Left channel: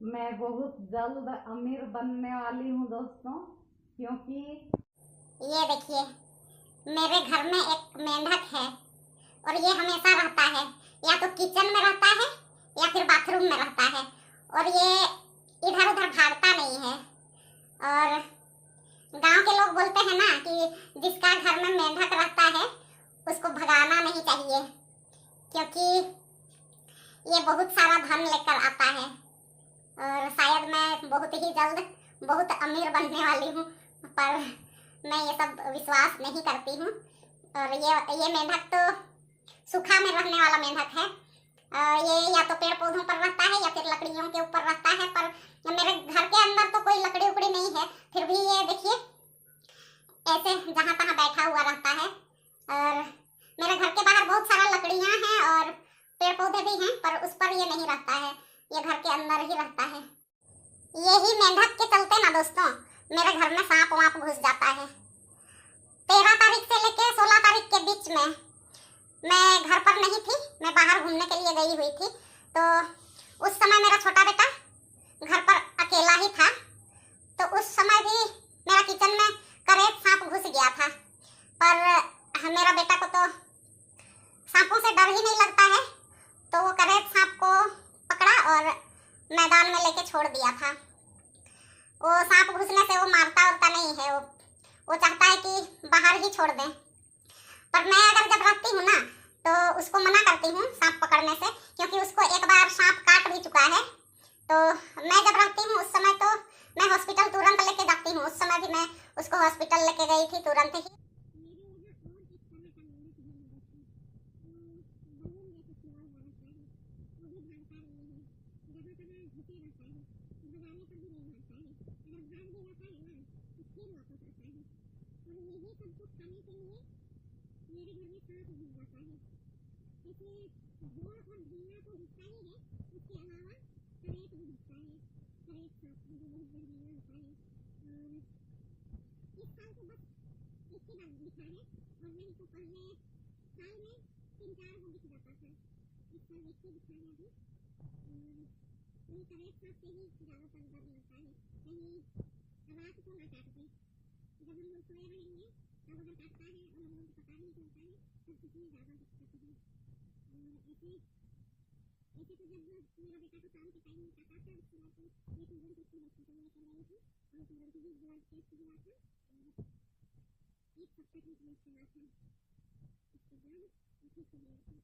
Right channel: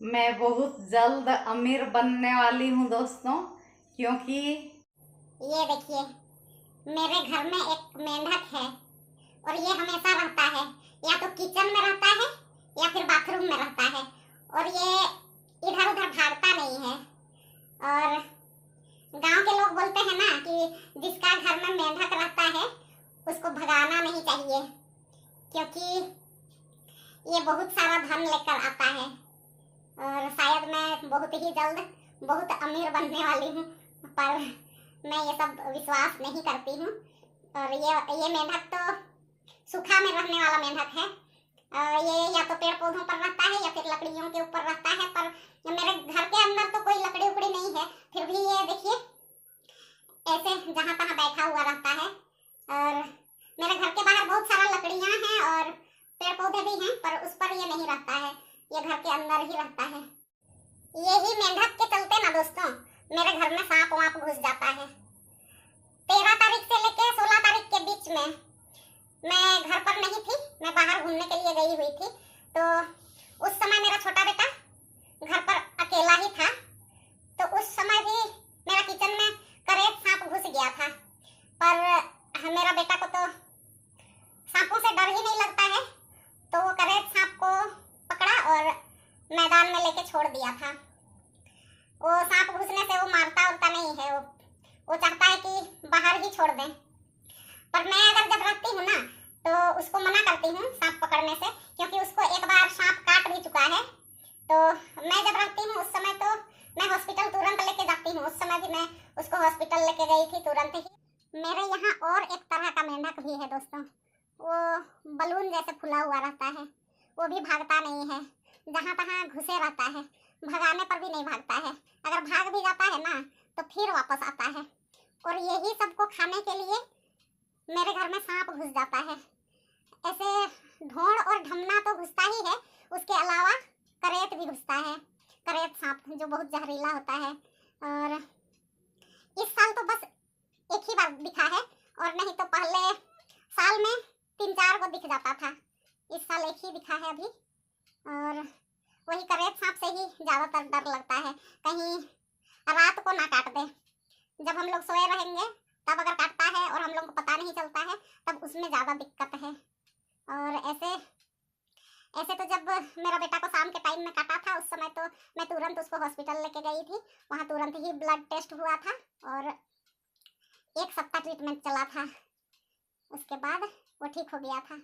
मैं बहुत जल्द अमीर बनने वाली हूँ दोस्तों, क्योंकि ये देखिए, मेरे घर में एक मेंढक है और ये हमेशा रहता है, या तो किचन में रहता है या फिर बाथरूम में रहता है। और ये इधर उधर भागता नहीं है। और गांव के लोग बोलते हैं ना कि जिसका घर में मेंढक रहता है उसको भगाना नहीं चाहिए, क्योंकि ये बहुत सारा धन लेकर आता है। और शायद मैं बहुत ही जल्द बहुत अमीर बनने वाली हूँ, पर मैं ये सब विश्वास नहीं करती हूँ। और ये मेंढक तो सूखा में रहने वाला मेंढक है। ये या तो पेड़ पौधों पर रहता है या फिर लकड़ियों के ऊपर रहता है, पर मेरे घर के अंदर तो कोई लकड़ी उकड़ी नहीं है, फिर भी ये देखिए ऐसे जहाँ तहाँ बैठा हुआ रहता है। और मेरे घर के बाहर बहुत सारा लकड़ियाँ हैं और पेड़ पौधे भी हैं, पर उस पर ये नहीं रहता है, ये घर के अंदर ही रहता है। यही मेंढक के चलते ना दोस्तों मेरे घर में सांप वाप घुस जाता है। 13 तारीख से लेके 16 तारीख के बीच में मैं घर पर नहीं थी, मैं बाहर घूमने के लिए गई हुई थी। तो उस समय मेरा छोटा बेटा घर पर अकेला ही था। तो उस समय भी मेरा किचन में करेत सांप घुस गया था, पर मेरा बेटा को तो सांपों से डर ही नहीं लगता है, तो वो करेत सांप को पकड़ा और मैदान में लेके छोड़ दिया था। वो सांप घुसने से वो मारता उरता नहीं है, वो चाहता है कि बाहर ही छोड़ दें। पर मैं अगर जब रखती हूँ ना तो उसको मना करती हूँ सांप पकड़ने से, क्योंकि उसको एक बार सांप काट भी चुका है। तो मैं जब रखती हूँ उस समय तो मैं हॉस्पिटल तुरंत लेके जाती हूँ। उस समय भी मैं उसको हॉस्पिटल लेके गई थी तुरंत ही। मेरे यहाँ और एक तरह का मेंढक भी है दोस्तों, वो बलून जैसे फुला हुआ रहता है, वो भी भागता नहीं है, जहाँ तहाँ घुसे रहता है, भगाने पर भी नहीं भागता है। अगर भाग भी जाता है ना तो फिर वापस आता है। और यही सबको खाने के लिए मेरे घर में सांप घुस जाता है। ऐसे ढोंड़ और ढमना तो घुसता ही है, उसके अलावा करेत भी घुसता है, करेत सांप जो बहुत जहरीला होता है। और इस साल तो बस एक ही बार दिखा है, और नहीं तो पहले साल में 3-4 को दिख जाता था। इस साल एक ही दिखा है अभी। और वही करेत सांप से ही ज़्यादातर डर लगता है, कहीं रात को ना काट दे। जब हम लोग सोए रहेंगे तब अगर काटता है और हम लोग को पता नहीं चलता है, तब उसमें ज़्यादा दिक्कत है। और ऐसे ऐसे तो जब मेरा बेटा को शाम के टाइम में काटा था उस समय तो मैं तुरंत उसको हॉस्पिटल लेके गई थी। वहाँ तुरंत ही ब्लड टेस्ट हुआ था और 1 सप्ताह ट्रीटमेंट चला था, उसके बाद वो ठीक हो गया था।